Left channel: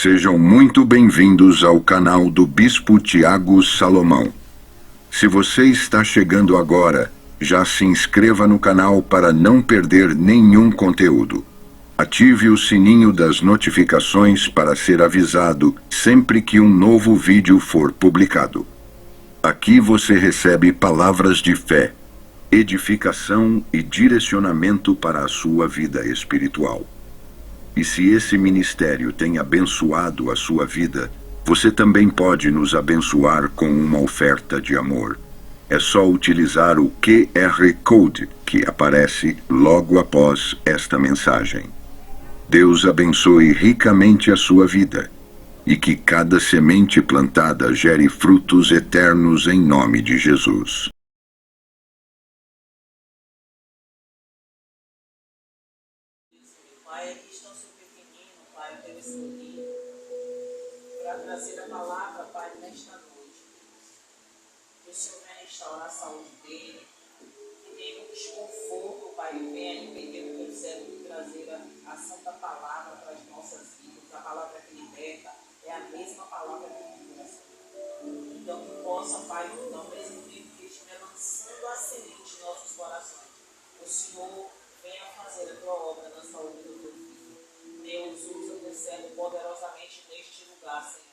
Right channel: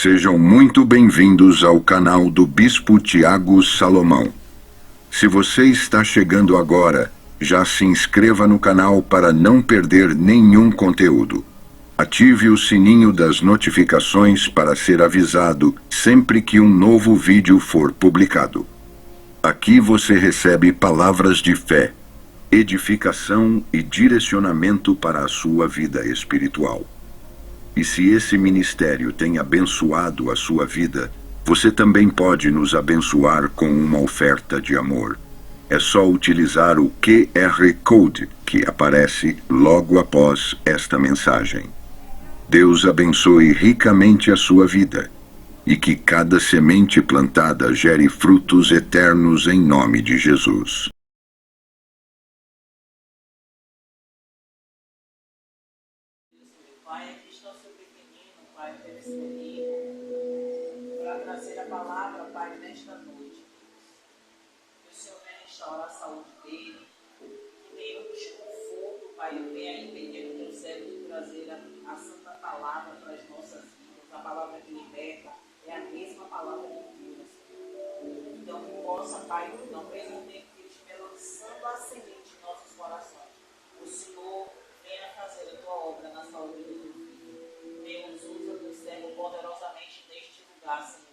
Sejam muito bem-vindos ao canal do Bispo Tiago Salomão. Se você está chegando agora, já se inscreva no canal para não perder nenhum conteúdo. Ative o sininho das notificações para ser avisado sempre que um novo vídeo for publicado. Aqui você recebe palavras de fé, edificação e direcionamento para a sua vida espiritual. E se esse ministério tem abençoado a sua vida, você também pode nos abençoar com uma oferta de amor. É só utilizar o QR Code que aparece logo após esta mensagem. Deus abençoe ricamente a sua vida e que cada semente plantada gere frutos eternos em nome de Jesus. Pai, aqui está o seu pequenino, Pai, eu quero escolher para trazer a palavra, Pai, nesta noite. Que o Senhor venha restaurar a saúde dele, que nenhum desconforto, Pai, venha impedir o teu servo de trazer a santa palavra para as nossas vidas. A palavra que liberta é a mesma palavra que cura, Senhor. Então, que possa, Pai, ao mesmo tempo que ele estiver lançando a semente em nossos corações, o Senhor venha fazer a tua obra na saúde do teu filho. Deus, usa o teu servo poderosamente neste lugar, Senhor.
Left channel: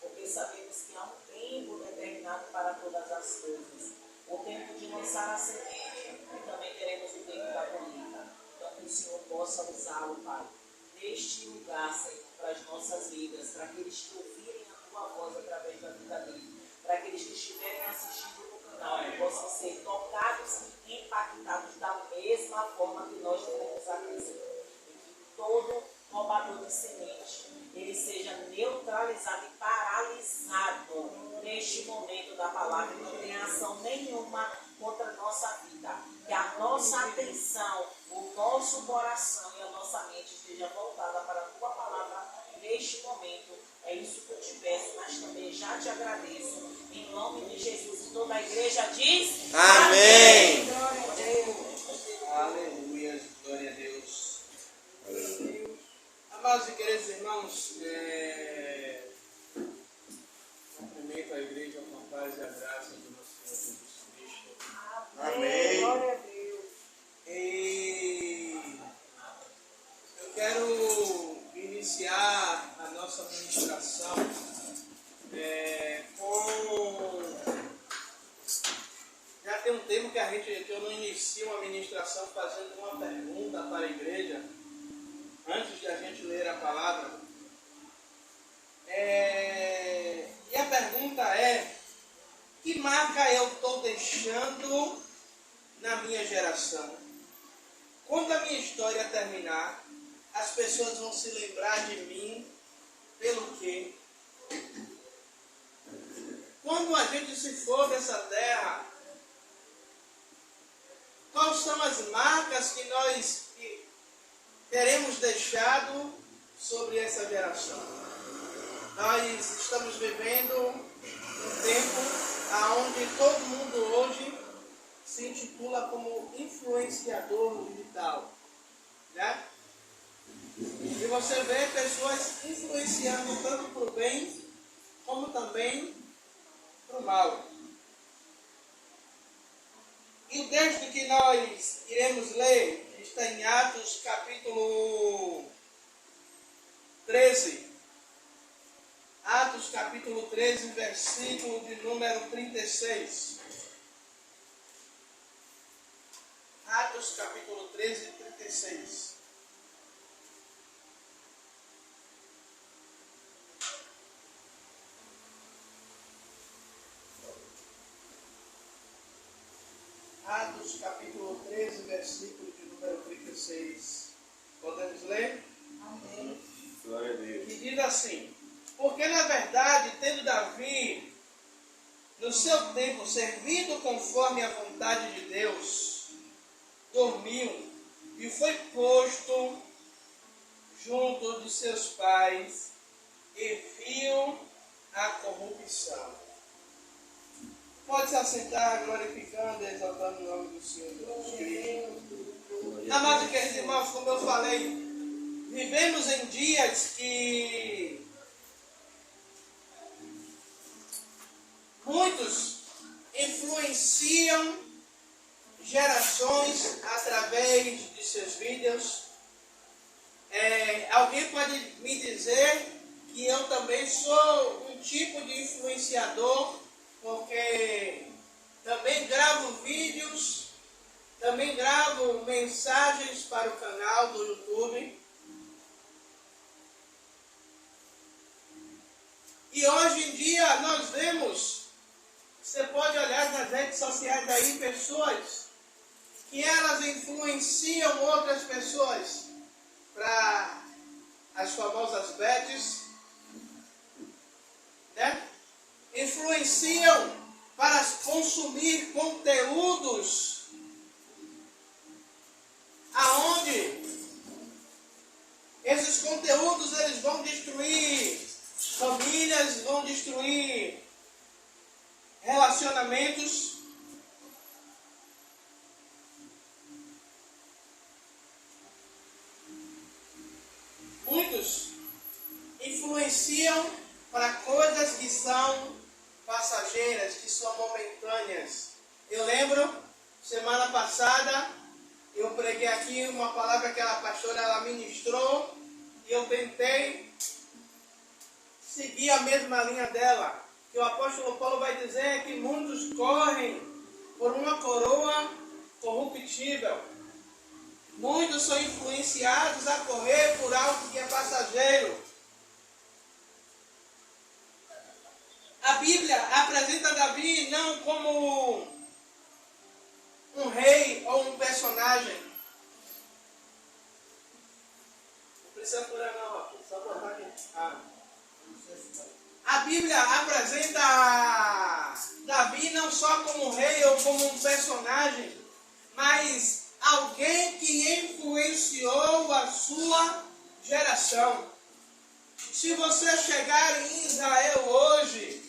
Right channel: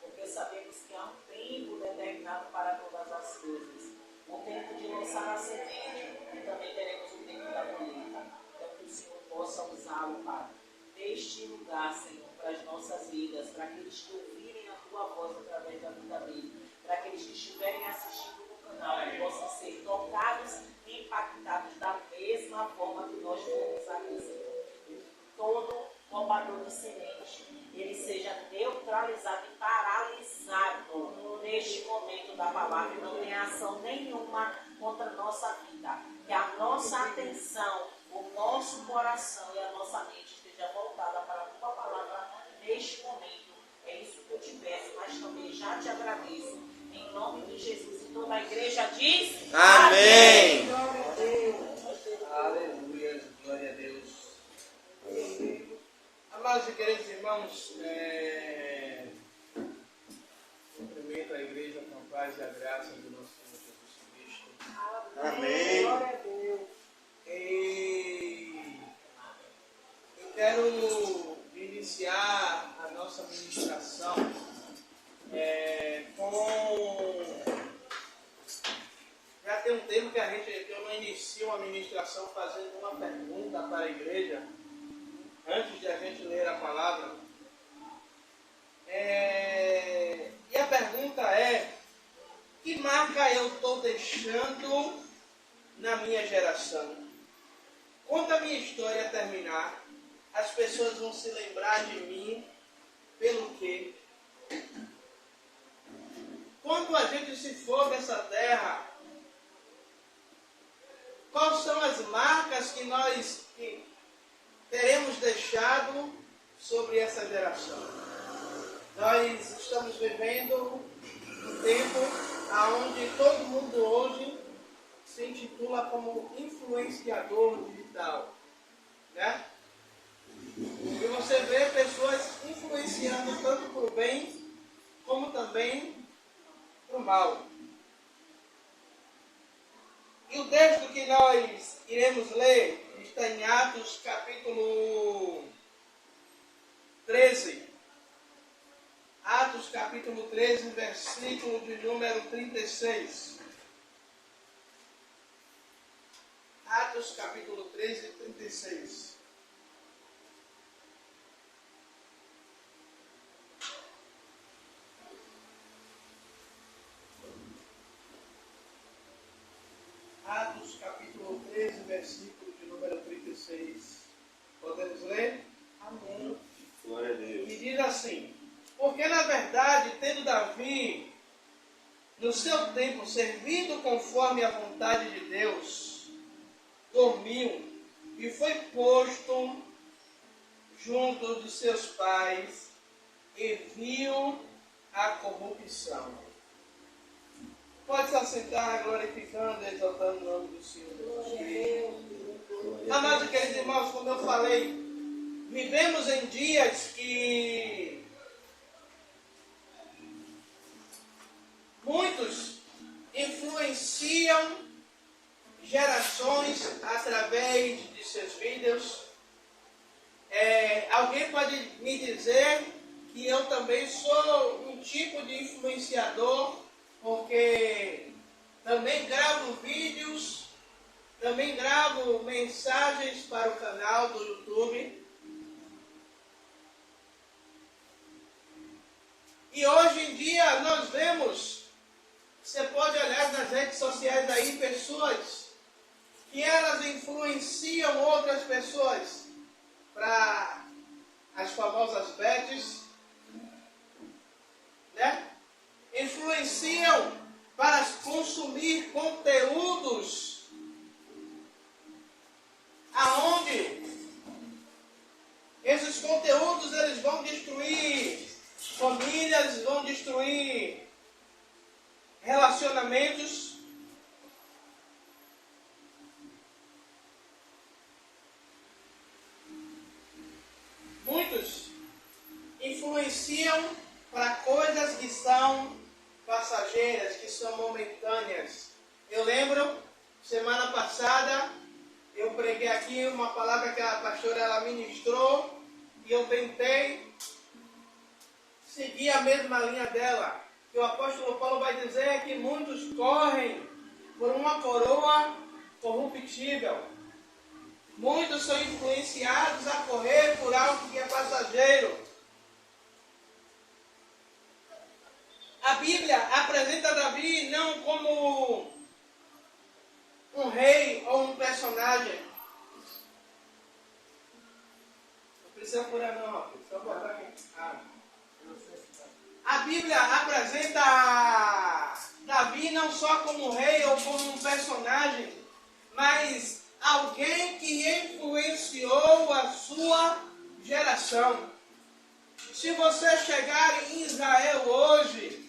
Porque sabemos que há um tempo determinado para todas as coisas. O tempo de lançar a semente e também teremos o tempo da colheita. Então que o Senhor possa usá-lo, Pai, neste lugar, Senhor, para as nossas vidas, para aqueles que ouvirem a tua voz através da vida dele, para aqueles que estiverem assistindo no canal, que possam ser tocados e impactados da mesma forma que nós fomos aqui, Senhor. E que todo roubador de semente, ele seja neutralizado e paralisado neste momento da palavra e não tenha ação nenhuma contra a nossa vida. Que a nossa atenção, o nosso coração e a nossa mente esteja voltada para a tua palavra neste momento. É isso que eu te peço, mas também já te agradeço. Em nome de Jesus. E toda a igreja diz: Amém. Aleluia, glória a Deus. Amados e queridos irmãos, cumprimento a igreja com a paz e a graça do nosso Senhor Jesus Cristo. Amém. Glória a Deus. E eu quero iniciar a nossa ministração com... Já tem um tempo que eu não inicio uma ministração fazendo uma pergunta para a igreja, antes de a gente ler a palavra. E a pergunta é: que marca eu estou deixando na minha geração? Quando a minha história terminar, as pessoas vão se lembrar de mim pelo quê? Quando a gente se for dessa terra, quais são as marcas que nós teremos deixado sobre essa geração? Nós estamos vivendo um tempo onde todo mundo hoje se intitula como influenciador digital, né? E você vê pessoas influenciando tanto para o bem como também para o mal. E o texto que nós iremos ler está em Atos capítulo 13. Atos capítulo 13, versículo de número 36. Atos capítulo 13, 36. Atos capítulo 13, versículo de número 36. Podemos ler? Amém. Glória a Deus. E diz assim: porque na verdade, tendo Davi, no seu tempo, servido conforme a vontade de Deus, dormiu e foi posto junto de seus pais e viu a corrupção. Pode se assentar glorificando e exaltando o nome do Senhor Jesus Cristo. Amados e queridos irmãos, como eu falei, vivemos em dias que Muitos influenciam gerações através de seus vídeos. Alguém pode me dizer que eu também sou um tipo de influenciador, porque também gravo vídeos, também gravo mensagens para o canal do YouTube. E hoje em dia nós vemos, você pode olhar nas redes sociais aí, pessoas que elas influenciam outras pessoas para as famosas bets, né? Influenciam para consumir conteúdos aonde esses conteúdos eles vão destruir famílias, vão destruir relacionamentos. Muitos influenciam para coisas que são passageiras, que são momentâneas. Eu lembro, semana passada, eu preguei aqui uma palavra que a pastora ela ministrou e eu tentei seguir a mesma linha dela. Que o apóstolo Paulo vai dizer que muitos correm por uma coroa corruptível. Muitos são influenciados a correr por algo que é passageiro. A Bíblia apresenta Davi não como um rei ou um personagem. Não precisa furar não, rapaz. Só botar aqui. A Bíblia apresenta Davi não só como um rei ou como um personagem, mas alguém que influenciou a sua geração. Se você chegar em Israel hoje,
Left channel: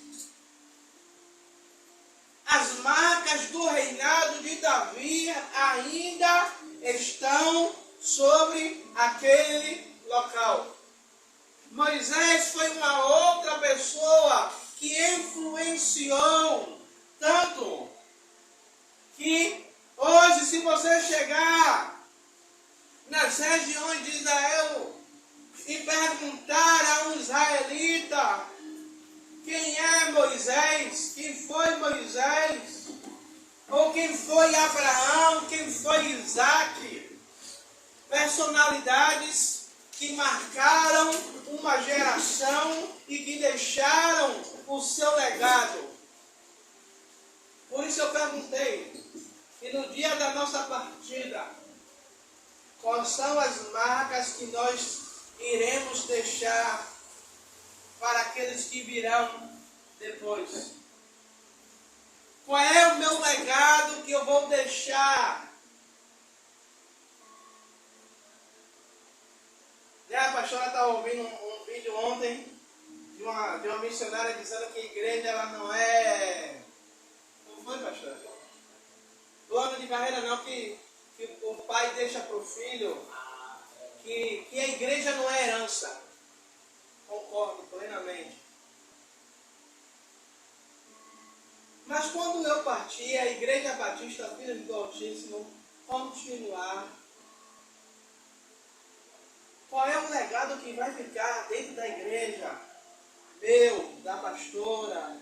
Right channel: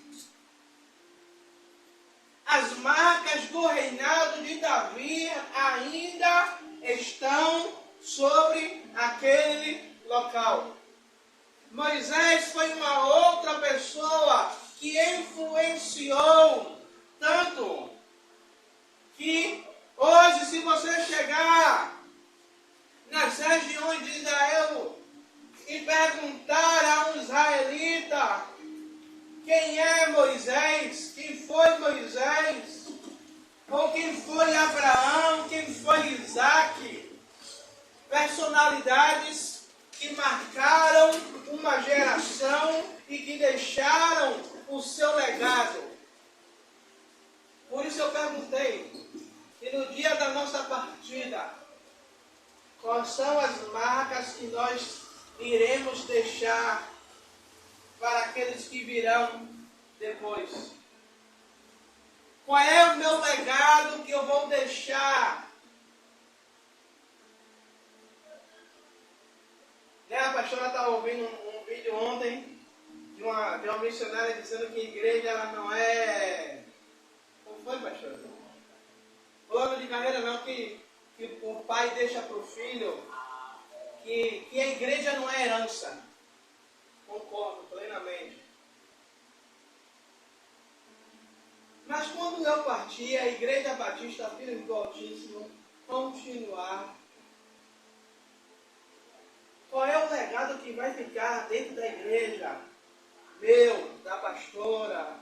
as marcas do reinado de Davi ainda estão sobre aquele local. Moisés foi uma outra pessoa que influenciou tanto que hoje, se você chegar nas regiões de Israel e perguntar a um israelita quem é Moisés, quem foi Moisés, ou quem foi Abraão, quem foi Isaac, personalidades que marcaram uma geração e que deixaram o seu legado. Por isso eu perguntei, e no dia da nossa partida, quais são as marcas que nós iremos deixar para aqueles que virão depois? Qual é o meu legado que eu vou deixar? A pastora estava ouvindo um vídeo ontem de uma missionária dizendo que a igreja ela não é... Como foi, pastora? Plano de carreira não, que o pai deixa para o filho, que a igreja não é herança. Concordo plenamente. Mas quando eu partir, a Igreja Batista Filhos do Altíssimo continuar, qual é o legado que vai ficar dentro da igreja? Meu, da pastora,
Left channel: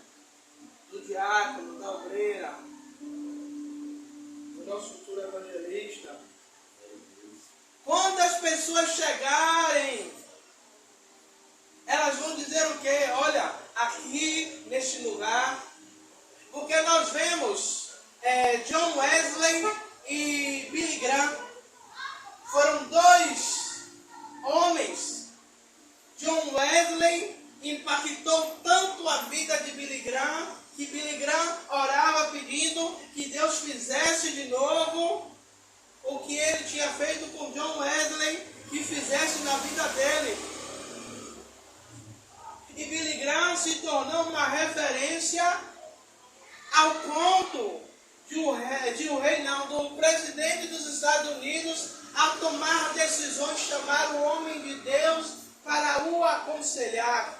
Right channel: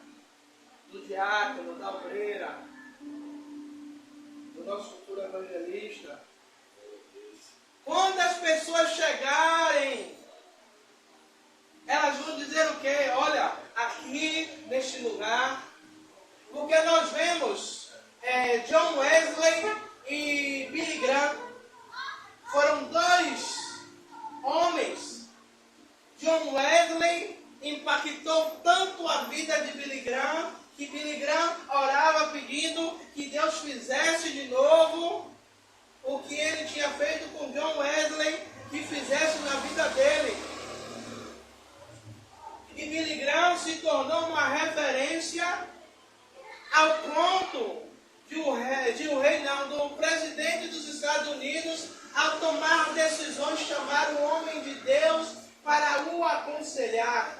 do diácono, da obreira, do nosso futuro evangelista. Quando as pessoas chegarem, elas vão dizer o quê? Olha, aqui neste lugar, porque nós vemos John Wesley e Billy Graham, foram dois homens. John Wesley impactou tanto a vida de Billy Graham, que Billy Graham orava pedindo que Deus fizesse de novo o que ele tinha feito com John Wesley, que fizesse na vida dele. E Billy Graham se tornou uma referência ao ponto de o presidente dos Estados Unidos, ao tomar decisões, chamar o homem de Deus para o aconselhar.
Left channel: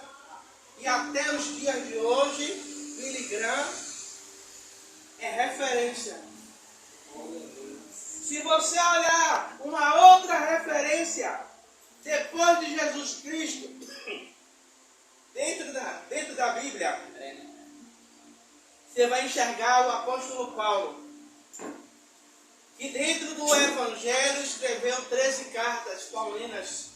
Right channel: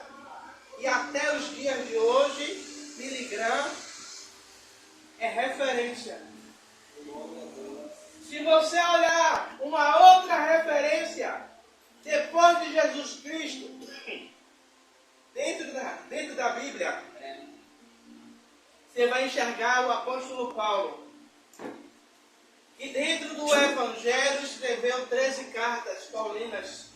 E até os dias de hoje, Billy Graham é referência. Se você olhar uma outra referência depois de Jesus Cristo, dentro da Bíblia, você vai enxergar o apóstolo Paulo, que dentro do Evangelho escreveu 13 cartas paulinas.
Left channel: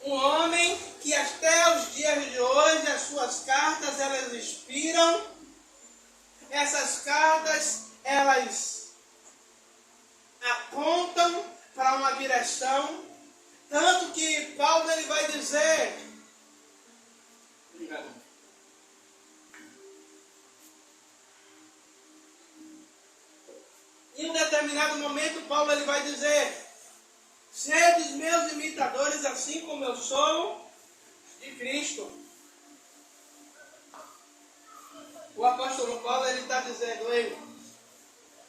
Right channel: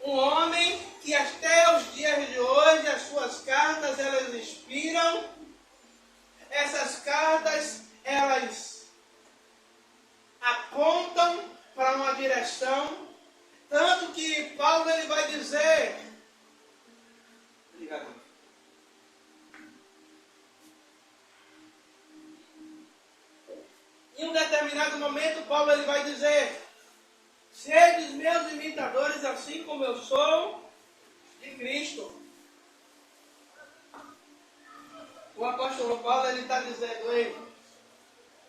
Um homem que até os dias de hoje as suas cartas elas inspiram. Essas cartas elas apontam para uma direção, tanto que Paulo ele vai dizer, obrigado. Em um determinado momento Paulo ele vai dizer: sedes meus imitadores, assim como eu sou de Cristo. O apóstolo Paulo ele está dizendo: ei,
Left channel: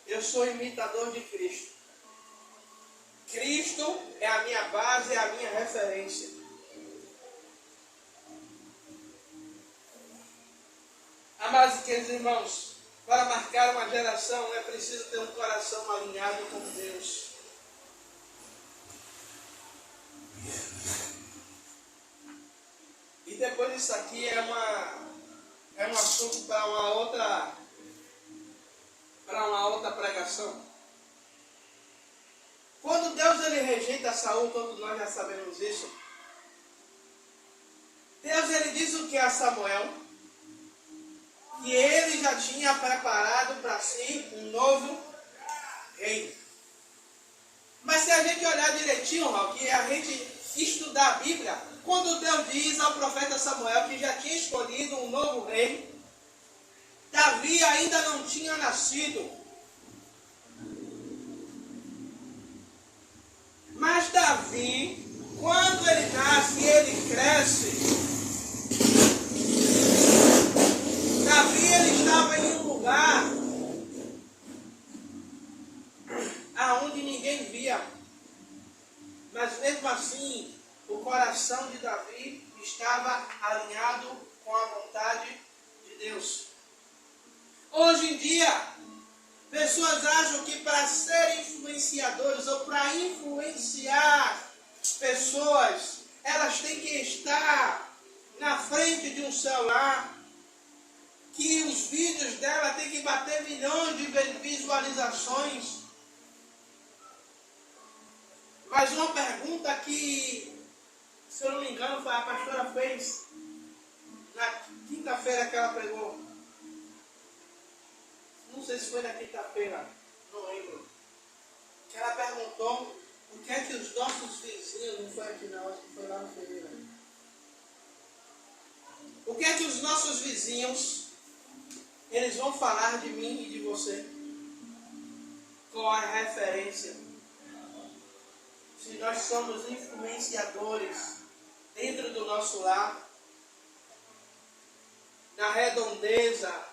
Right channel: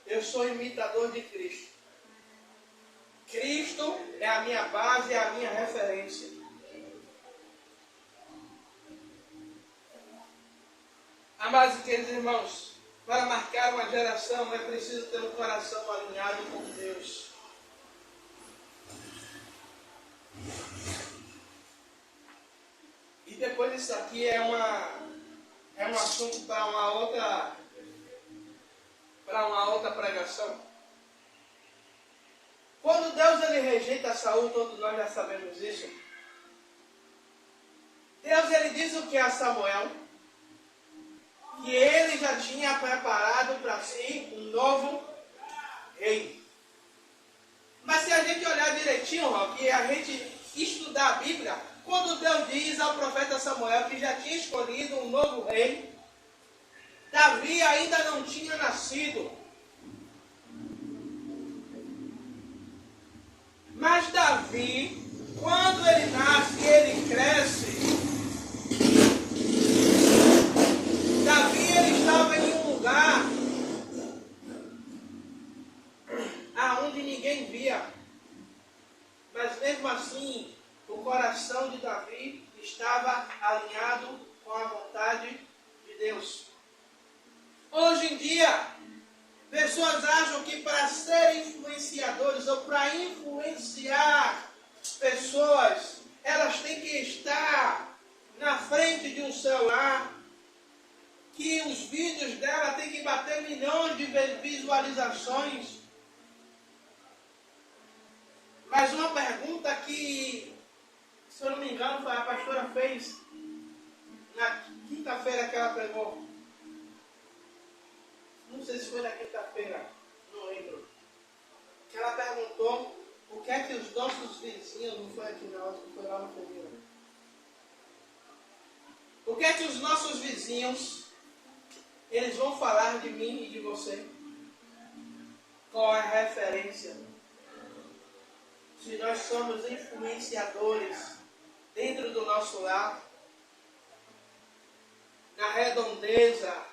eu sou imitador de Cristo. Cristo é a minha base, é a minha referência. Amados e queridos irmãos, para marcar uma geração é preciso ter um coração alinhado com Deus. E depois isso aqui é um assunto para uma outra pregação. Quando Deus ele rejeita Saul, todos nós já sabemos isso. Deus ele diz o que a Samuel? Que ele já tinha preparado para si um novo rei. Mas se a gente olhar direitinho, que a gente estudar a Bíblia, quando Deus diz ao profeta Samuel que já tinha escolhido um novo rei, Davi ainda não tinha nascido. Mas Davi, quando ele nasce e ele cresce, Davi ele estava em um lugar aonde ninguém via. Mas mesmo assim, o coração de Davi estava alinhado com a vontade de Deus. Hoje em dia, pessoas acham que para serem influenciadores ou para influenciar pessoas, elas têm que estar na frente de um celular, que os vídeos dela têm que bater milhões de visualizações. Mas uma pergunta que, se eu não me engano, a pastora fez na quinta-feira que ela pregou. Não sei se foi na quinta-feira, não lembro. Que ela perguntou o que é que os nossos vizinhos, não foi aqui não, foi lá no Ferreira. O que é que os nossos vizinhos, eles vão falar de mim e de você? Qual é a referência? Se nós somos influenciadores dentro do nosso lar, na redondeza,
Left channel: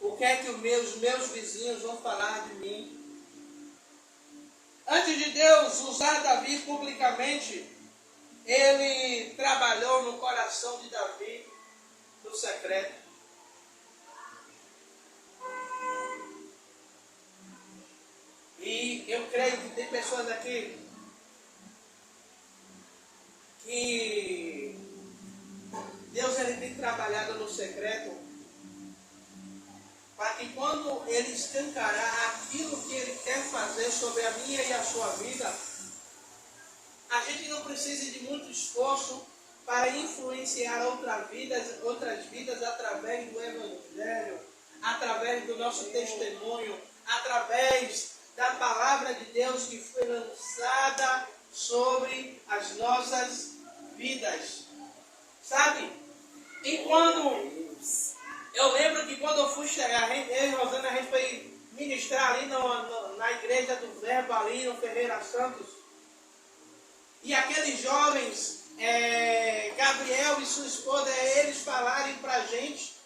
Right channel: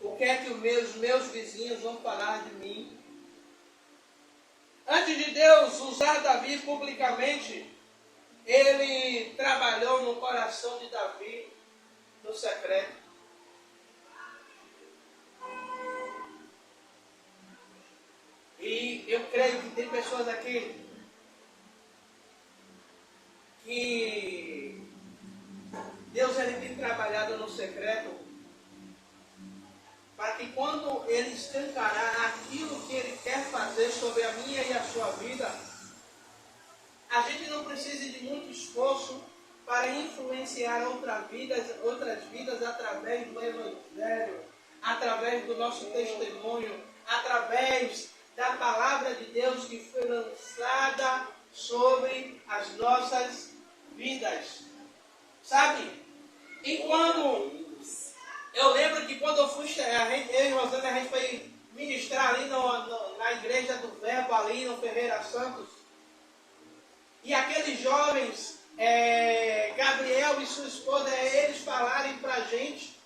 o que é que os meus vizinhos vão falar de mim? Antes de Deus usar Davi publicamente, ele trabalhou no coração de Davi, no secreto. E eu creio que tem pessoas aqui que Deus ele tem trabalhado no secreto, para que quando ele escancarar aquilo que ele quer fazer sobre a minha e a sua vida, a gente não precise de muito esforço para influenciar outras vidas através do Evangelho, através do nosso testemunho, através da palavra de Deus que foi lançada sobre as nossas vidas. Sabe? E quando eu lembro que quando eu fui chegar, eu e Rosana, a gente foi ministrar ali na igreja do Verbo, ali no Ferreira Santos. E aqueles jovens, Gabriel e sua esposa, eles falarem pra gente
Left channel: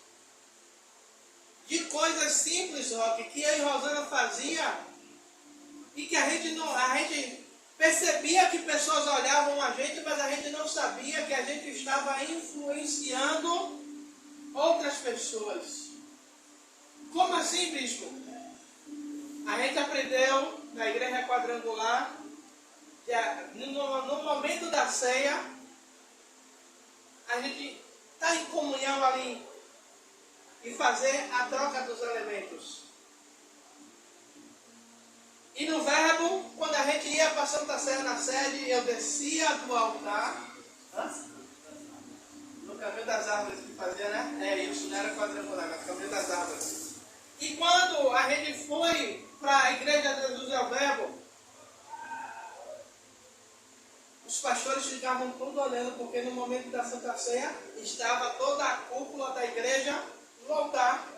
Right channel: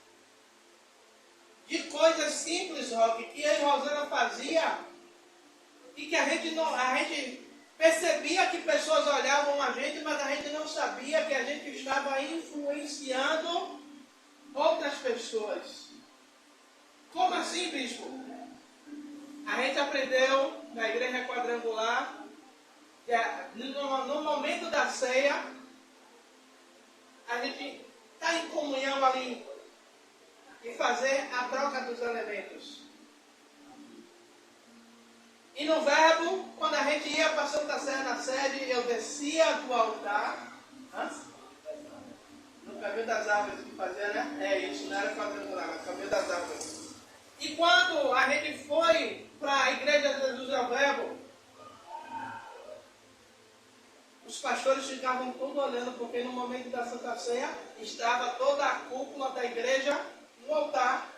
de coisas simples, Roque, que eu e Rosana fazia, e que a gente percebia que pessoas olhavam a gente, mas a gente não sabia que a gente estava influenciando outras pessoas. Como assim, bispo? A gente aprendeu na igreja quadrangular que no momento da ceia, a gente está em comunhão ali e fazer a troca dos elementos. E no verbo, quando a gente ia para a Santa Ceia na sede, eu descia do altar. No caminho das árvores que fazia, né? É isso, não era quadrangular, era caminho das árvores. E quando a gente foi para a igreja de Jesus é o Verbo, os pastores ficavam todos olhando, porque no momento da Santa Ceia estava toda a cúpula da igreja no altar.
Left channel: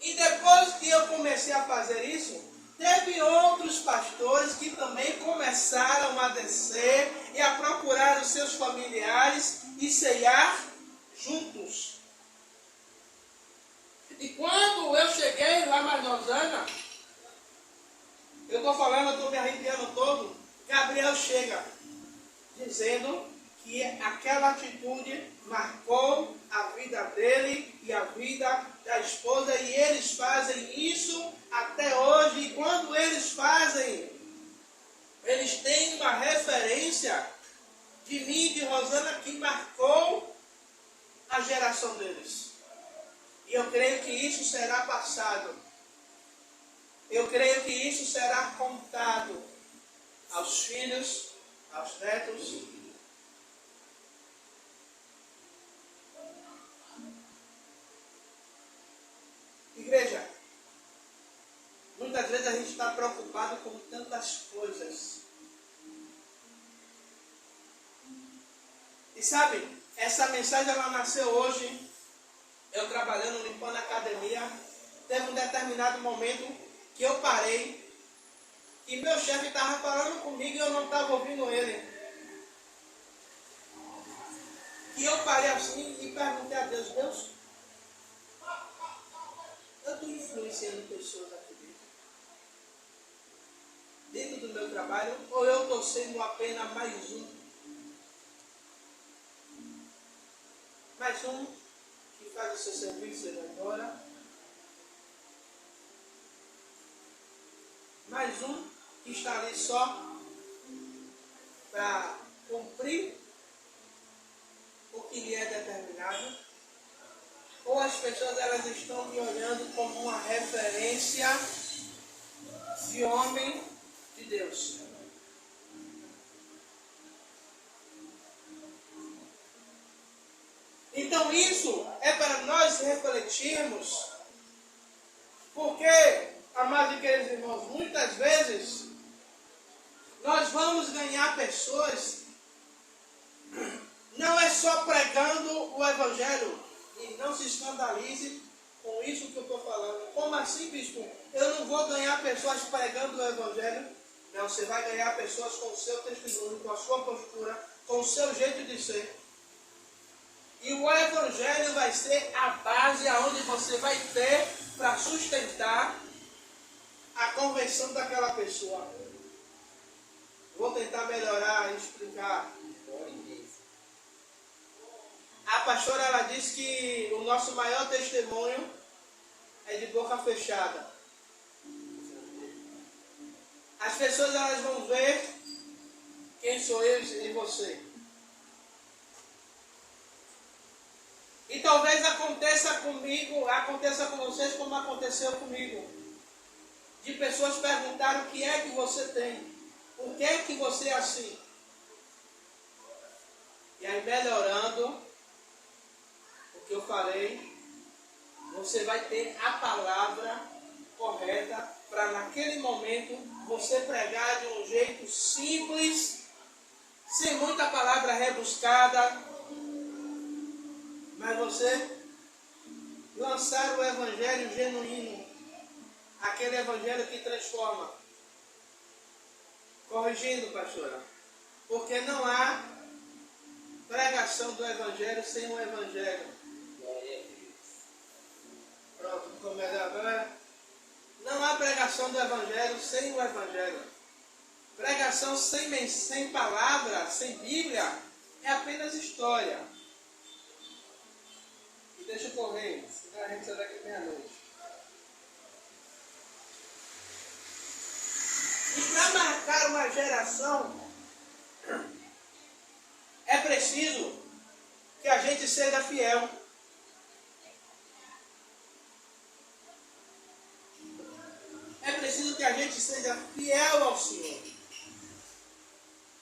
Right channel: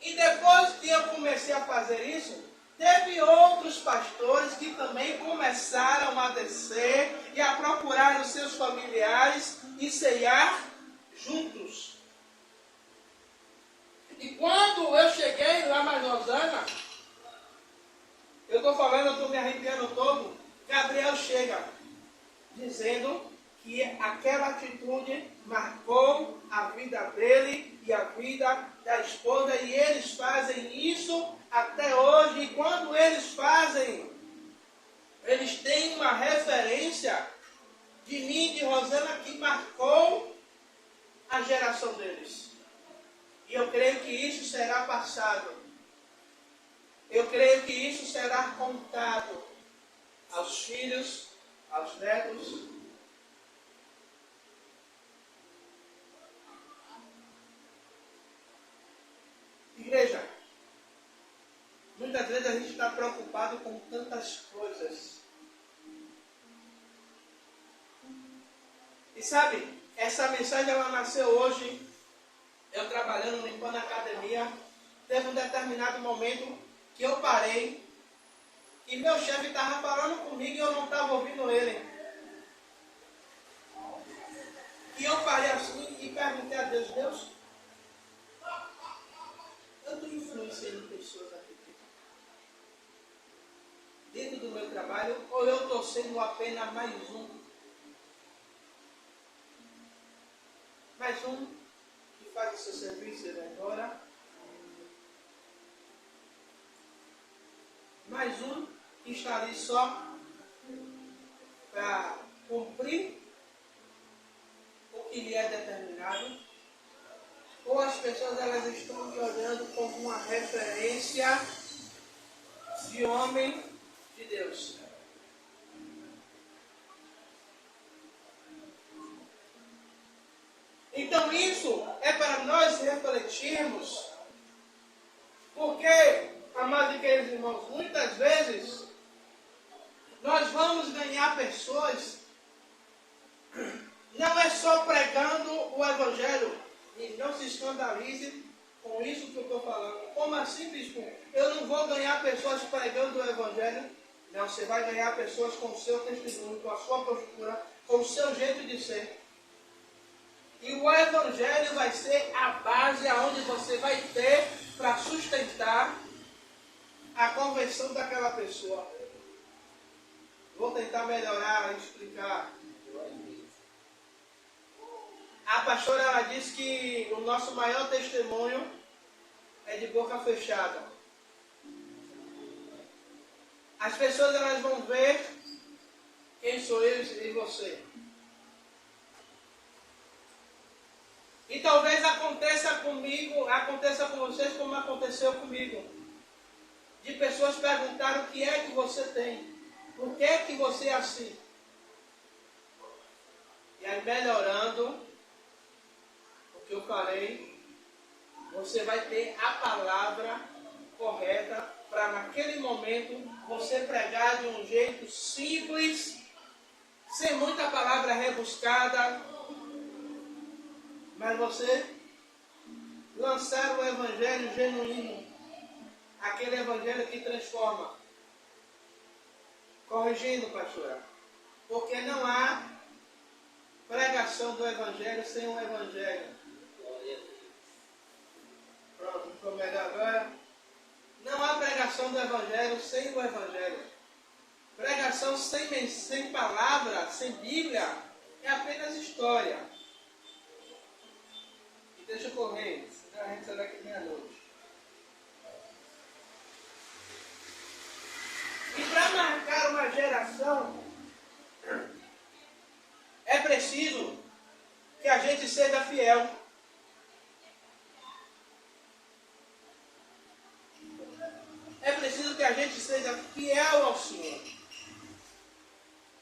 E depois que eu comecei a fazer isso, teve outros pastores que também começaram a descer e a procurar os seus familiares e ceiar juntos. E quando eu cheguei lá mais em Osana, eu estou falando, eu estou me arrepiando todo, Gabriel chega dizendo que aquela atitude marcou a vida dele e a vida da esposa, e eles fazem isso até hoje. E quando eles fazem, eles têm uma referência de mim, de Rosana, que marcou a geração deles. E eu creio que isso será passado. Eu creio que isso será contado aos filhos, aos netos. Igreja, muitas vezes a gente está preocupado com tantas coisas. E sabe, essa mensagem ela nasceu hoje, eu trabalhando, limpando a academia. Teve um determinado momento que eu parei, e meu chefe estava falando comigo e eu não estava ouvindo ele. E eu parei assim e perguntei a Deus, Deus, eu estou influenciando pessoas aqui dentro do meu trabalho, ou eu estou sendo apenas mais um que faz o seu serviço e vai embora, mais um que está ali só para cumprir o que lhe é determinado, ou as pessoas elas estão me olhando como uma referência de homem de Deus. Então isso é para nós refletirmos, porque, amados e queridos irmãos, muitas vezes nós vamos ganhar pessoas, não é só pregando o Evangelho, e não se escandalize com isso que eu estou falando. Como assim, bispo? Eu não vou ganhar pessoas pregando o Evangelho? Não, você vai ganhar pessoas com o seu testemunho, com a sua postura, com o seu jeito de ser. E o Evangelho vai ser a base aonde você vai ter para sustentar a conversão daquela pessoa. Vou tentar melhorar e explicar. A pastora ela disse que o nosso maior testemunho é de boca fechada. As pessoas elas vão ver quem sou eu e você. E talvez aconteça comigo, aconteça com vocês como aconteceu comigo. De pessoas perguntarem o que é que você tem. Por que é que você é assim? E aí melhorando o que eu falei, você vai ter a palavra correta para naquele momento você pregar de um jeito simples, sem muita palavra rebuscada, mas você lançar o evangelho genuíno, aquele evangelho que transforma. Corrigindo, pastora, porque não há pregação do evangelho sem o evangelho. Pronto, ficou melhor agora. Não há pregação do evangelho sem o evangelho. Pregação sem palavra, sem Bíblia, é apenas história. Deixa eu correr, senão a gente sai daqui meia-noite. E para marcar uma geração, é preciso que a gente seja fiel. É preciso que a gente seja fiel ao Senhor.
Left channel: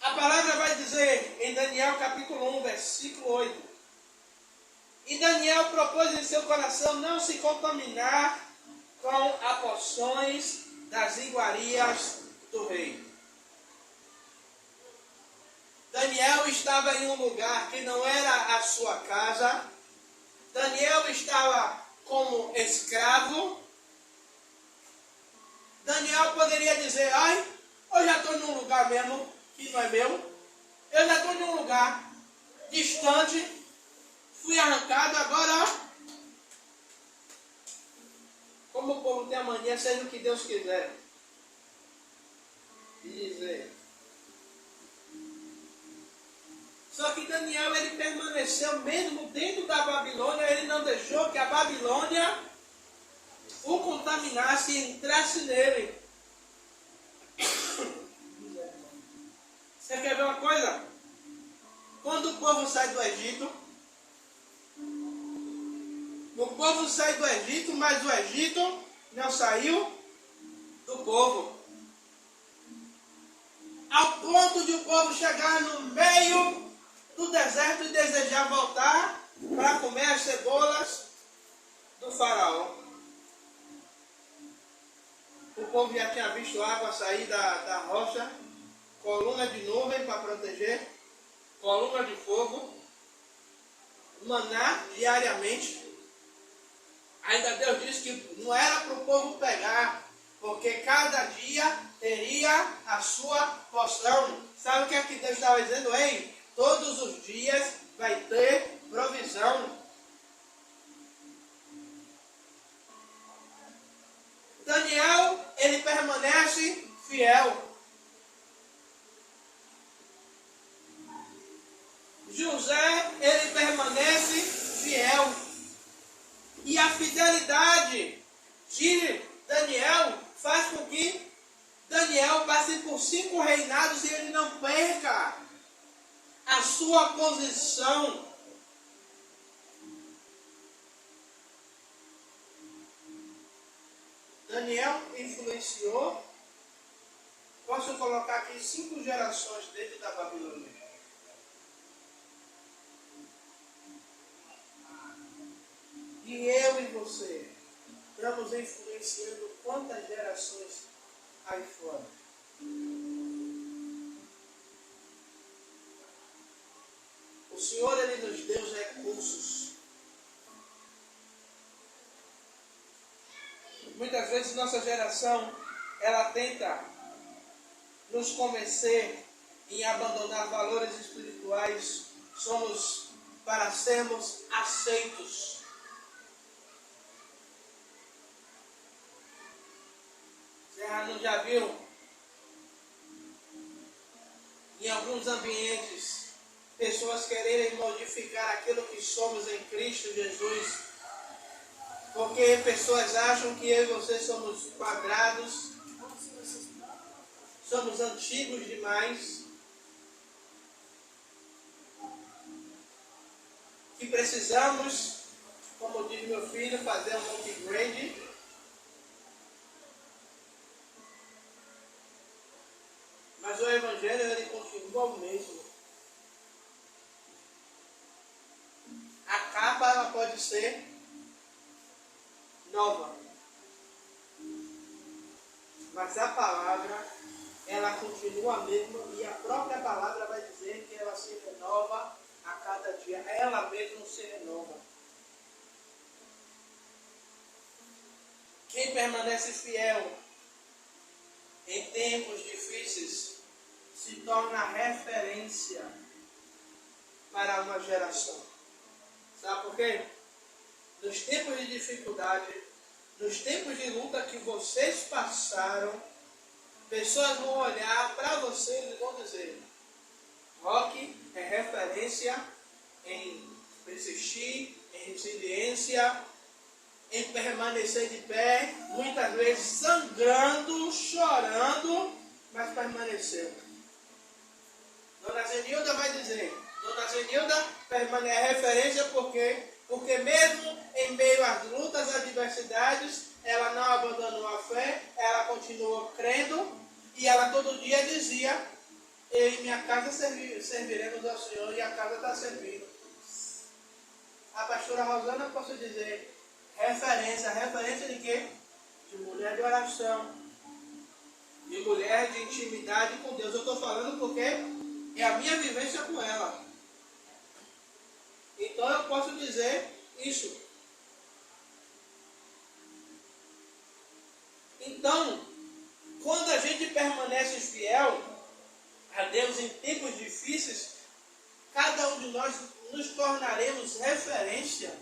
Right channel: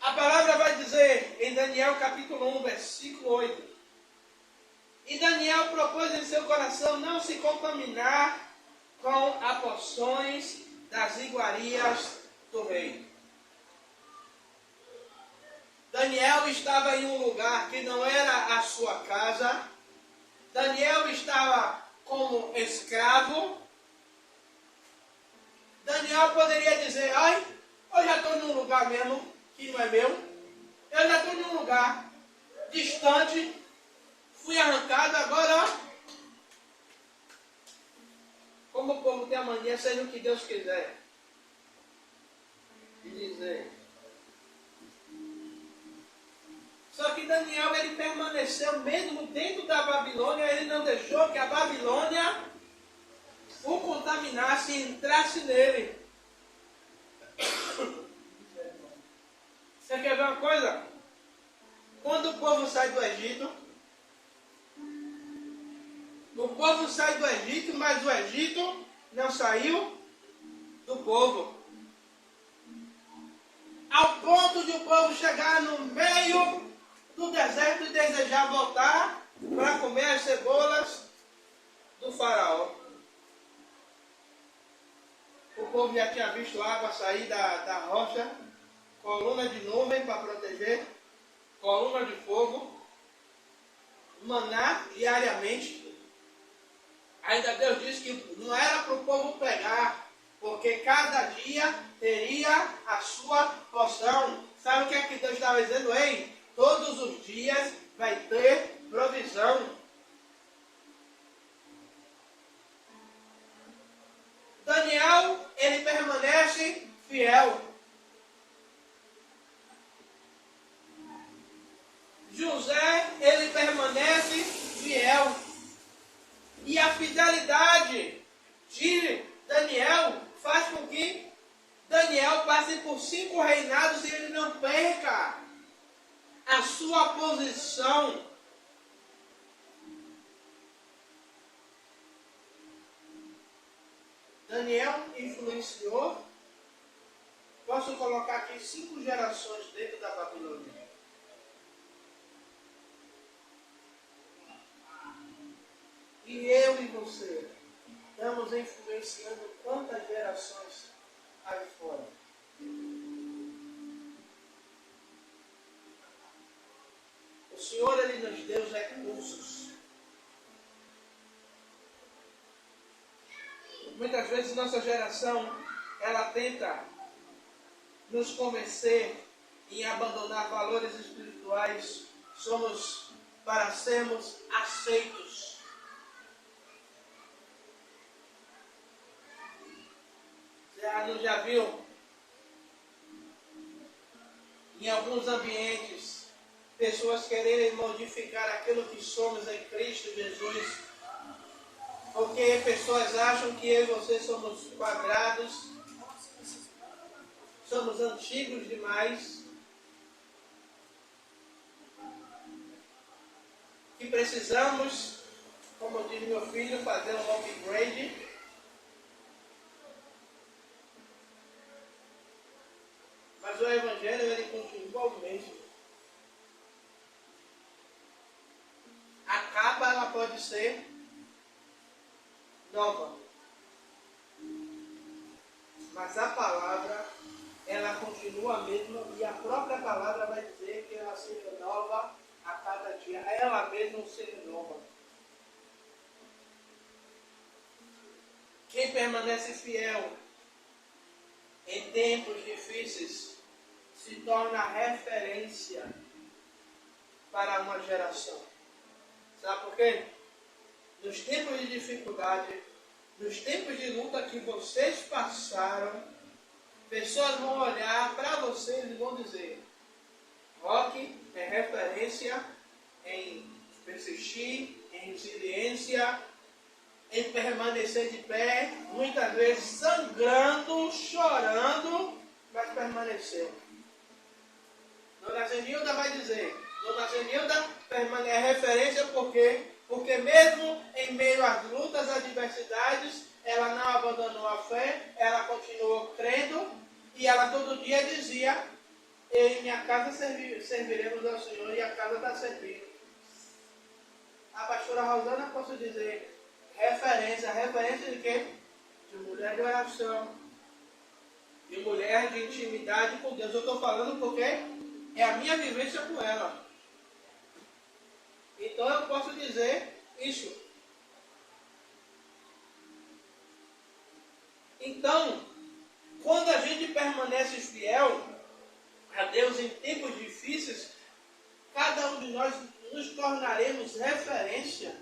A palavra vai dizer em Daniel capítulo 1, versículo 8. E Daniel propôs em seu coração não se contaminar com as porções das iguarias do rei. Daniel estava em um lugar que não era a sua casa. Daniel estava como escravo. Daniel poderia dizer, ai, eu já estou num lugar mesmo que não é meu. Eu já estou em um lugar distante. Fui arrancado, agora, ó. Como o povo tem a mania, seja o que Deus quiser. E dizer. Só que Daniel, ele permaneceu mesmo dentro da Babilônia. Ele não deixou que a Babilônia o contaminasse e entrasse nele. Você quer ver uma coisa? Quando o povo sai do Egito, o povo sai do Egito, mas o Egito não saiu do povo. Ao ponto de o povo chegar no meio do deserto e desejar voltar para comer as cebolas do faraó. O povo já tinha visto água sair da rocha, coluna de nuvem para proteger, coluna de fogo, maná diariamente. Ainda Deus disse que não era para o povo pegar, porque cada dia teria a sua porção. Sabe o que é que Deus estava dizendo? Ei, todos os dias vai ter provisão. Daniel, ele permanece fiel. José, ele permanece fiel. E a fidelidade de Daniel faz com que Daniel passe por 5 reinados e ele não perca a sua posição. Daniel influenciou, posso colocar aqui 5 gerações dentro da Babilônia. E eu e você estamos influenciando quantas gerações aí fora? O Senhor, ele nos deu os recursos. Muitas vezes nossa geração, ela tenta nos convencer em abandonar valores espirituais. Somos para sermos aceitos. Você já viu? Em alguns ambientes, pessoas quererem modificar aquilo que somos em Cristo Jesus. Porque pessoas acham que eu e você somos quadrados, somos antigos demais, que precisamos, como diz meu filho, fazer um upgrade. Mas o Evangelho, ele continua o mesmo. A capa, ela pode ser nova. Mas a palavra, ela continua a mesma, e a própria palavra vai dizer que ela se renova a cada dia. Ela mesma se renova. Quem permanece fiel em tempos difíceis se torna referência para uma geração. Sabe por quê? Nos tempos de dificuldade, nos tempos de luta que vocês passaram, pessoas vão olhar para vocês e vão dizer: Roque é referência em persistir, em em resiliência, em permanecer de pé, muitas vezes sangrando, chorando, mas permaneceu. Dona Zenilda vai dizer, Dona Zenilda é referência porque mesmo em meio às lutas, adversidades, ela não abandonou a fé, ela continuou crendo e ela todo dia dizia, eu e minha casa serviremos ao Senhor e a casa está servindo. A pastora Rosana, posso dizer, referência de quê? De mulher de oração, de mulher de intimidade com Deus. Eu estou falando porque é a minha vivência com ela. Então eu posso dizer isso. Então, quando a gente permanece fiel a Deus em tempos difíceis, cada um de nós nos tornaremos referência.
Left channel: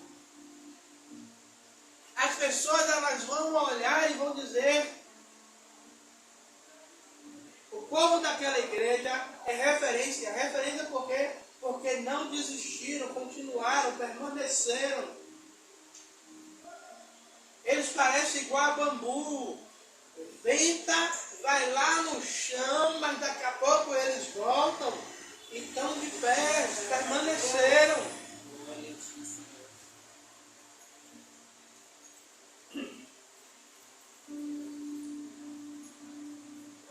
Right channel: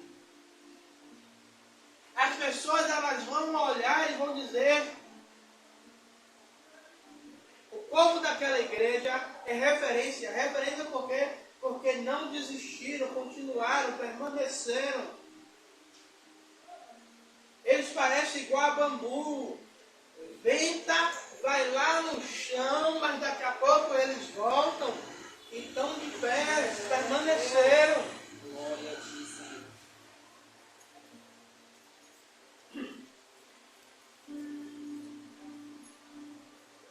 As pessoas elas vão olhar e vão dizer, o povo daquela igreja é referência. Referência por quê? Porque não desistiram, continuaram, permaneceram. Eles parecem igual a bambu. Venta, vai lá no chão, mas daqui a pouco eles voltam. Então de pé, permaneceram.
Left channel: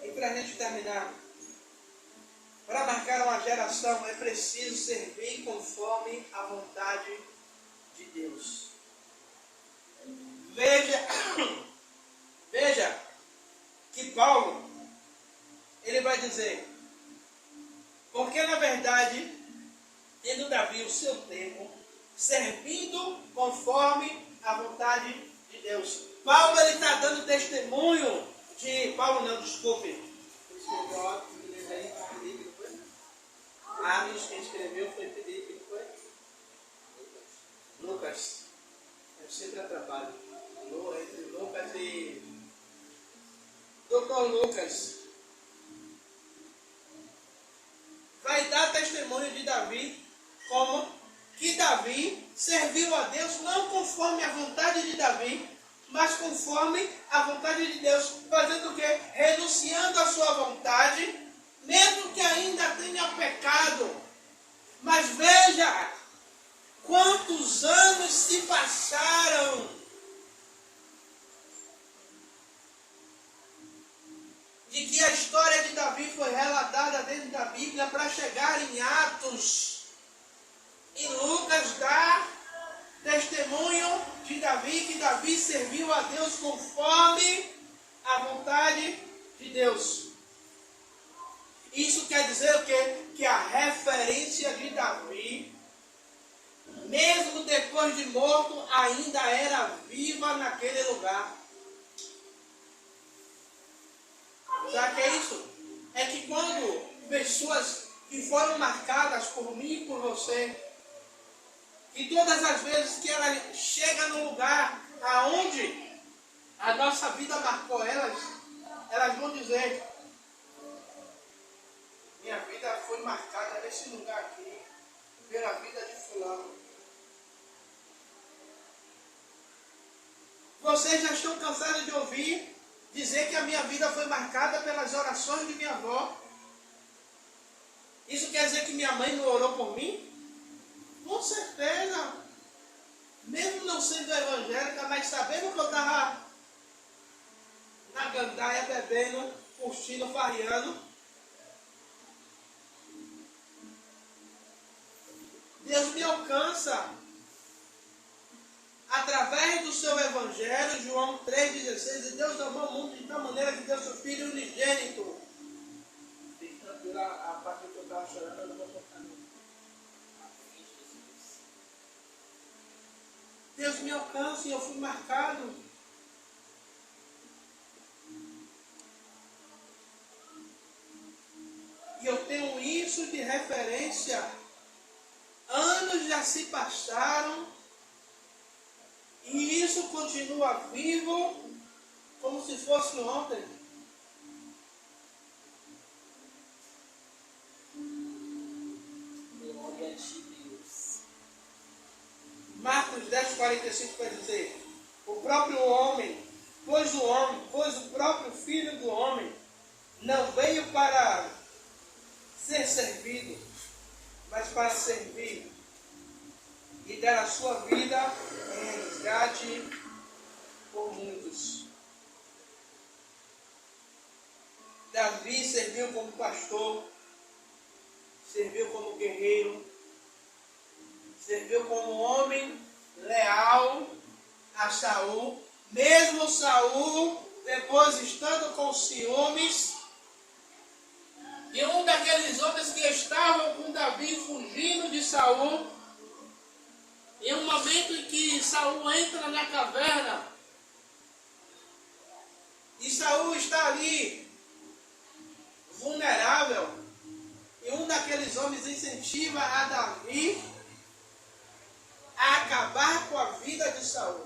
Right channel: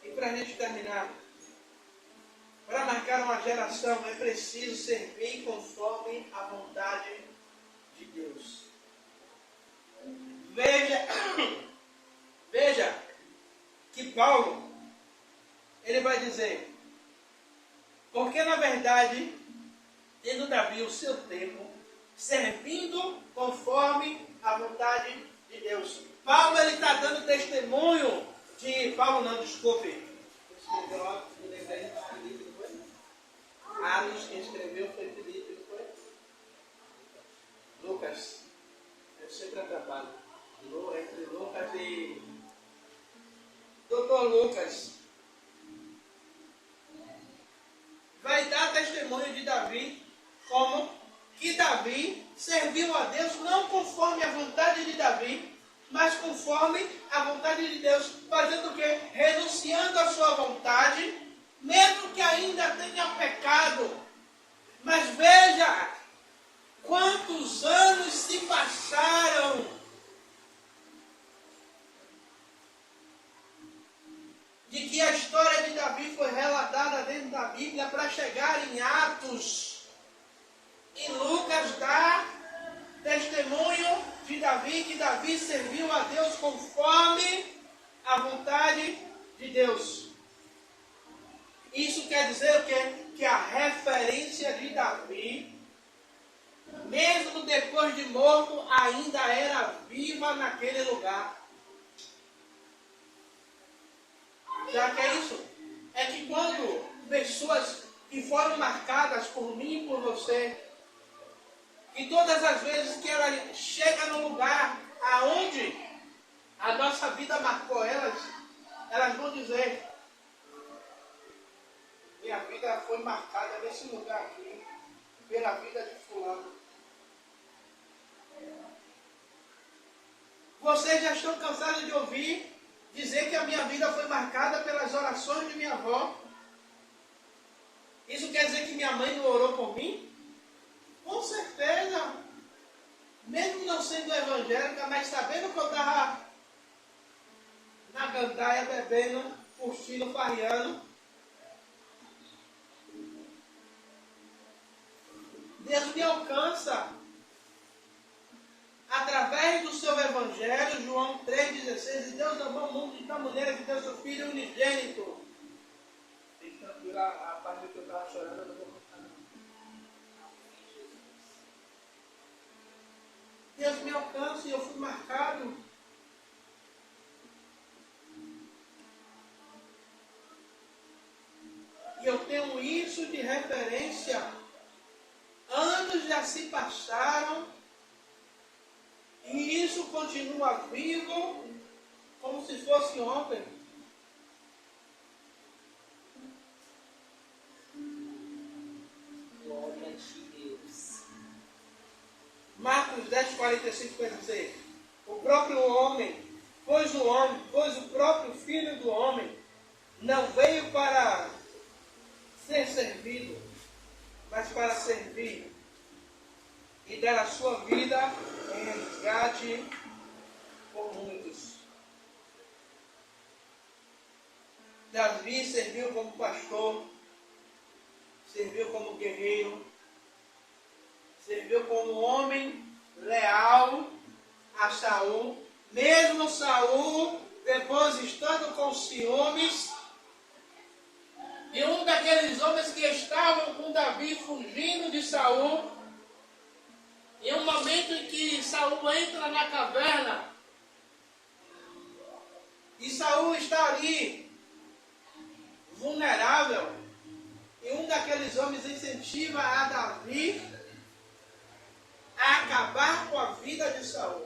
E para a gente terminar, para marcar uma geração é preciso servir conforme a vontade de Deus. Veja que Paulo, ele vai dizer, porque na verdade, tendo Davi o seu tempo, servindo conforme a vontade de Deus. Paulo, ele está dando testemunho de... Paulo não, desculpe. Atos, quem escreveu foi Felipe, não foi? Lucas. Eu sempre atrapalho. Entre Lucas e... Doutor Lucas. Vai dar testemunho de Davi, como que Davi serviu a Deus não conforme a vontade de Davi, mas conforme a vontade de Deus, fazendo o quê? Renunciando à sua vontade, mesmo que ainda tenha pecado. Mas veja, quantos anos se passaram de que a história de Davi foi relatada dentro da Bíblia para chegar em Atos. E Lucas dá testemunho de Davi, que Davi serviu a Deus conforme a vontade de Deus. Isso quer dizer o quê? Que a referência de Davi, mesmo depois de morto, ainda era viva naquele lugar. Sabe o que é isso? É que quando pessoas que foram marcadas por mim e por você, que todas as vezes que ela chega no lugar aonde a nossa vida marcou elas vão dizer, minha vida foi marcada nesse lugar aqui, pela vida de fulano. Vocês já estão cansados de ouvir dizer que a minha vida foi marcada pelas orações de minha avó. Isso quer dizer que minha mãe não orou por mim? Com certeza. Mesmo não sendo evangélica, mas sabendo que eu estava na gandaia, bebendo, curtindo, farreando. Deus me alcança. Através do seu evangelho, João 3,16, e Deus amou o mundo de tal maneira que deu seu Filho unigênito. Fique tranquilo, a parte que eu estava chorando, eu não vou contar não. Deus me alcança e eu fui marcado. E eu tenho isso de referência. Anos já se passaram. E isso continua vivo, como se fosse ontem. Glória a Deus. Marcos Marcos 10:45 vai dizer, o próprio homem, pois o próprio Filho do Homem não veio para ser servido, mas para servir e dar a sua vida em resgate por muitos. Davi serviu como pastor, serviu como guerreiro, serviu como homem leal a Saul, mesmo Saul, depois estando com ciúmes, e um daqueles homens que estavam com Davi fugindo de Saul, em um momento em que Saul entra na caverna, e Saul está ali, vulnerável, e um daqueles homens incentiva a Davi a acabar com a vida de Saul.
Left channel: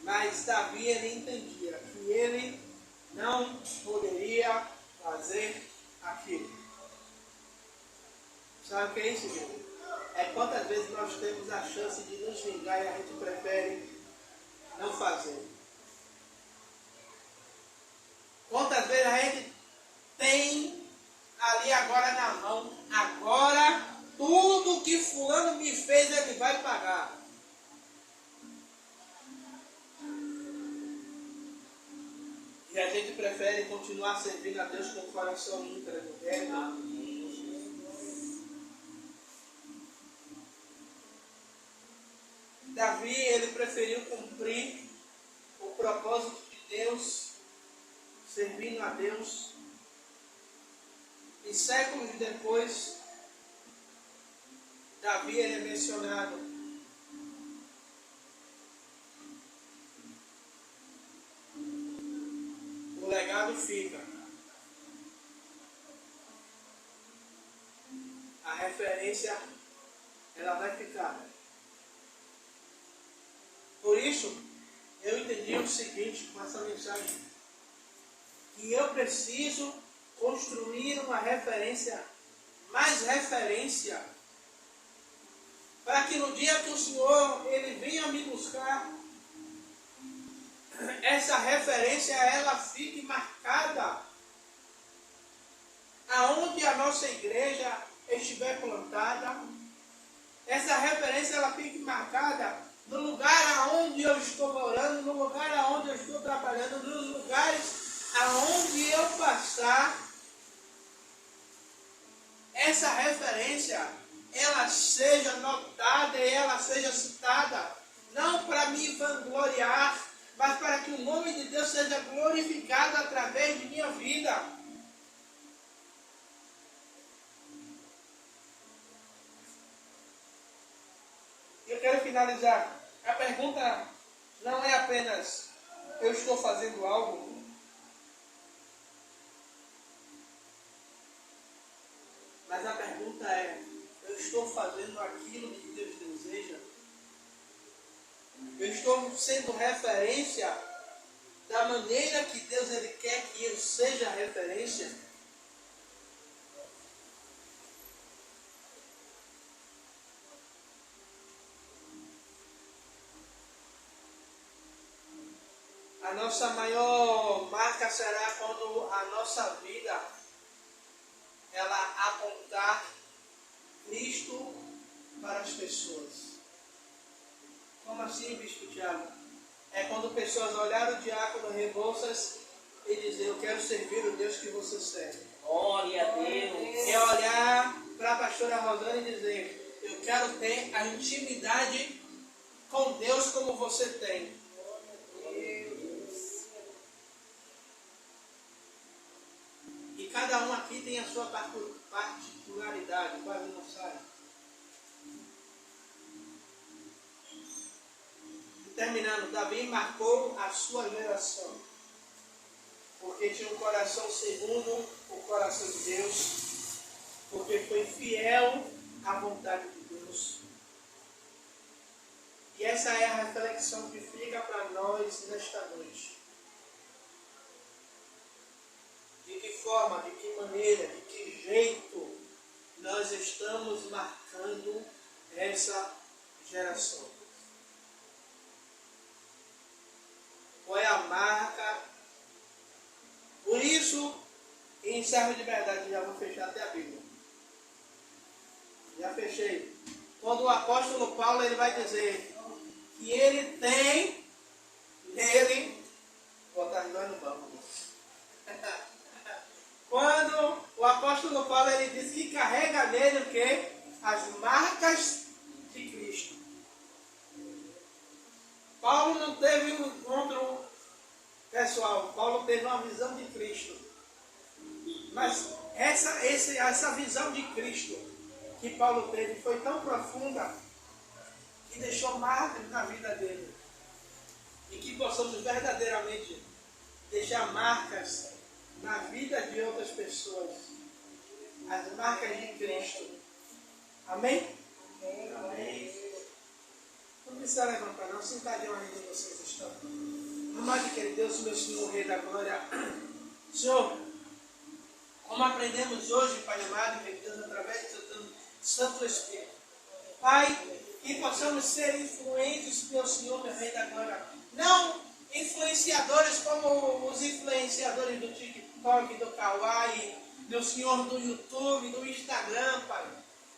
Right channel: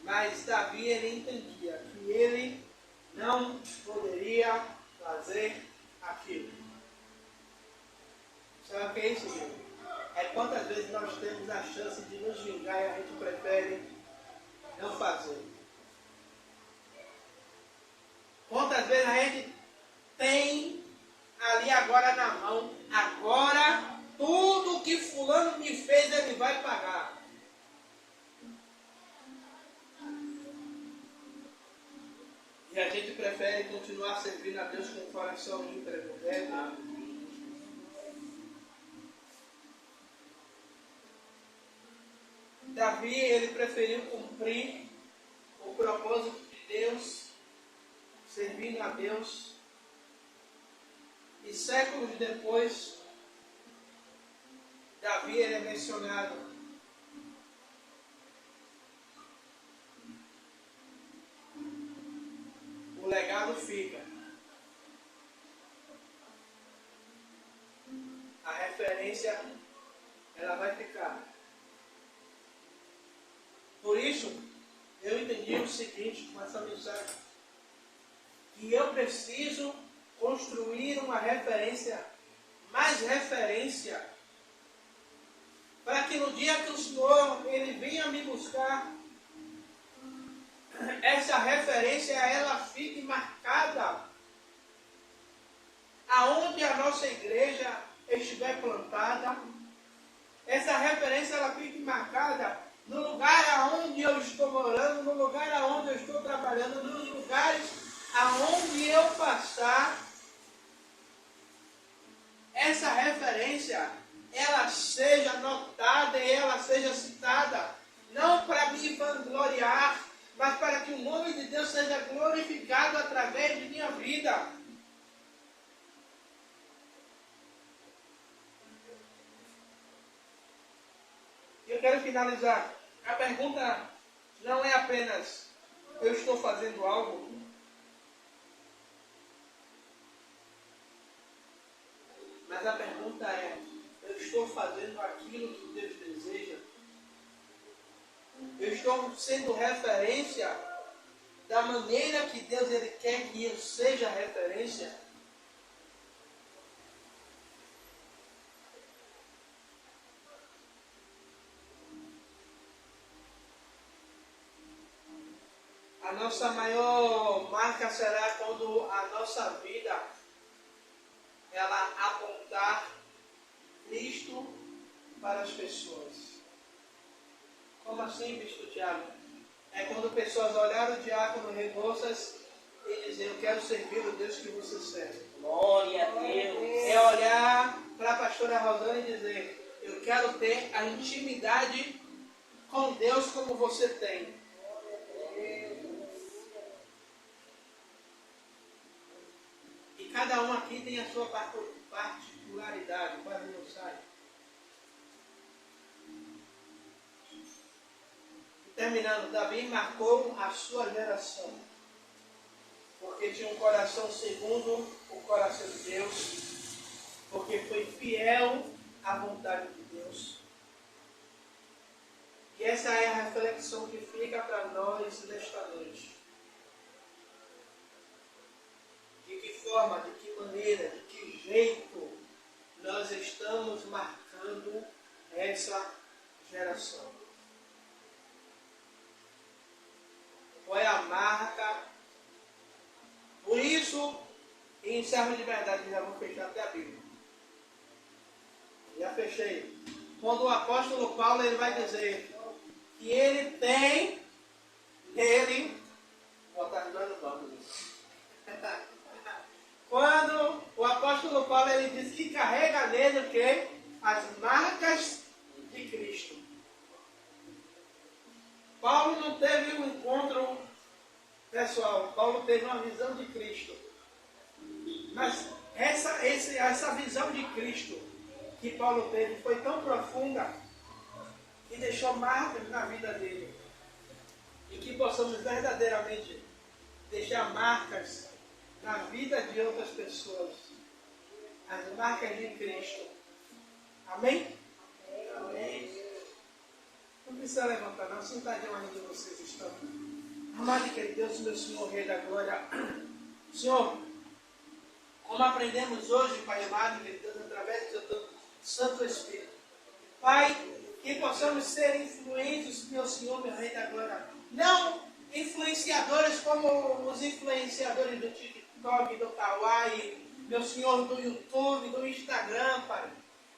Mas Davi, ele entendia que ele não poderia fazer aquilo. Sabe o que é isso, gente? É quantas vezes nós temos a chance de nos vingar e a gente prefere não fazer. Quantas vezes a gente tem ali agora na mão, agora tudo que fulano me fez ele vai pagar. E a gente prefere continuar servindo a Deus com o coração íntegro, reto. Davi, ele preferiu cumprir o propósito de Deus, servindo a Deus. E séculos depois, Davi ele é mencionado. O legado fica. A referência, ela vai ficar. Por isso, eu entendi o seguinte com essa mensagem. Que eu preciso construir uma referência, mais referência, para que no dia que o Senhor ele venha me buscar, essa referência ela fique marcada aonde a nossa igreja estiver plantada. Essa referência ela fique marcada no lugar aonde eu estou morando, no lugar aonde eu estou trabalhando, nos lugares aonde eu passar. Essa referência ela seja notada e ela seja citada, não para me vangloriar, mas para que o nome de Deus seja glorificado através de minha vida. Eu quero finalizar. A pergunta não é apenas eu estou fazendo algo, mas a pergunta é, eu estou fazendo aquilo que Deus deseja? Eu estou sendo referência da maneira que Deus ele quer que eu seja referência? A nossa maior marca será quando a nossa vida ela apontar Cristo para as pessoas. Como assim, Bispo Tiago? É quando pessoas olharem o diácono Rebouças e dizer, eu quero servir o Deus que você serve. Glória a Deus. É olhar para a pastora Rosana e dizer, eu quero ter a intimidade com Deus como você tem. E cada um aqui tem a sua particularidade, quase não sai. Terminando, Davi marcou a sua geração, porque tinha um coração segundo o coração de Deus, porque foi fiel à vontade de Deus. E essa é a reflexão que fica para nós nesta noite. De que forma, de que maneira, de que jeito nós estamos marcando servo de verdade, já vou fechar até a Bíblia. Já fechei. Quando o apóstolo Paulo ele vai dizer que ele tem nele, vou botar os dois no banco. Quando o apóstolo Paulo ele diz que carrega nele o quê? As marcas de Cristo. Paulo não teve um encontro pessoal, Paulo teve uma visão de Cristo. Mas essa visão de Cristo que Paulo teve foi tão profunda que deixou marcas na vida dele. E que possamos verdadeiramente deixar marcas na vida de outras pessoas. As marcas de Cristo. Amém? Amém. Não precisa levantar não, sentadinho onde vocês estão. Amado e querido Deus, meu Senhor, Rei da Glória. Senhor, como aprendemos hoje, Pai amado e querido Deus, através do seu Santo Espírito. Pai, que possamos ser influentes, meu Senhor, meu Rei da Glória. Não influenciadores como os influenciadores do TikTok, do Kawaii, meu Senhor, do YouTube, do Instagram, Pai.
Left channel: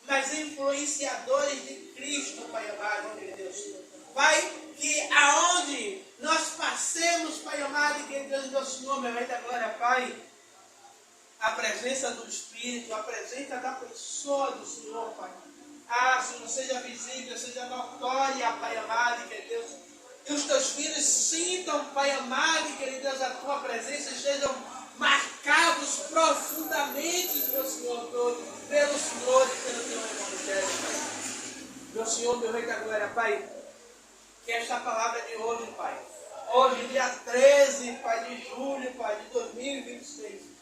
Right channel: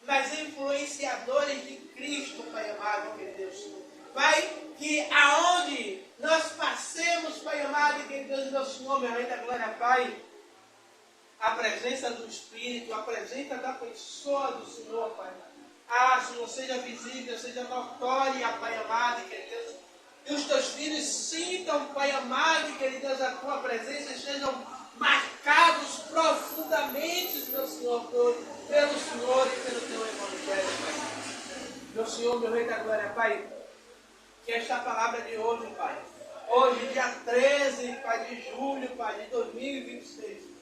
Mas influenciadores de Cristo, Pai amado e querido Deus. Pai, que aonde nós passemos, Pai amado e querido Deus, meu Senhor, meu Rei da Glória, Pai, a presença do Espírito, a presença da pessoa do Senhor, Pai. Senhor, seja visível, seja notória, Pai amado e querido Deus. Que os teus filhos sintam, Pai amado e querido Deus, a tua presença e sejam marcados profundamente, meu Senhor, pelo Senhor e pelo teu Evangelho, Pai. Meu Senhor, meu Rei da Glória, Pai, que esta palavra de hoje, Pai, hoje, dia 13, Pai, de julho, Pai, de 2026,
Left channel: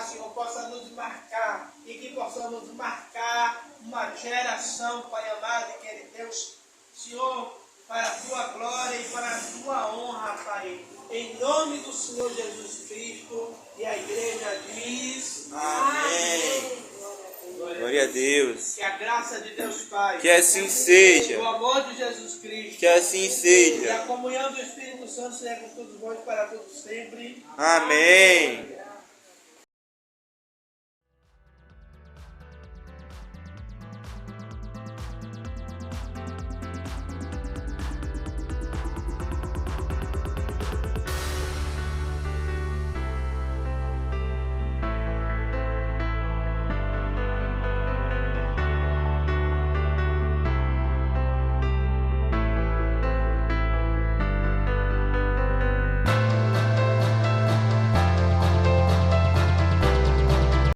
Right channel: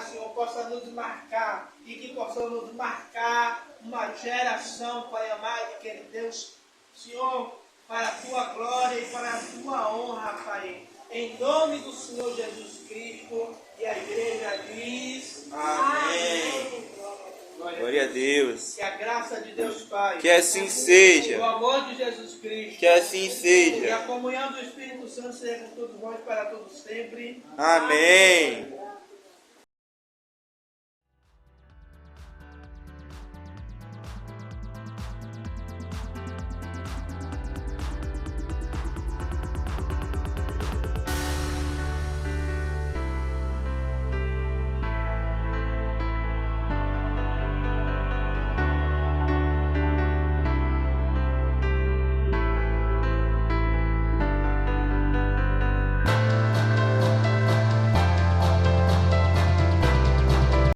Senhor, possa nos marcar e que possamos marcar uma geração, Pai amado e querido Deus, Senhor, para a tua glória e para a tua honra, Pai. Em nome do Senhor Jesus Cristo. E a igreja diz: Amém. Glória a Deus. Que a graça de Deus Pai, Que assim seja. o amor de Jesus Cristo Que assim e seja. a comunhão do Espírito Santo seja com todos vós para todos sempre. Amém.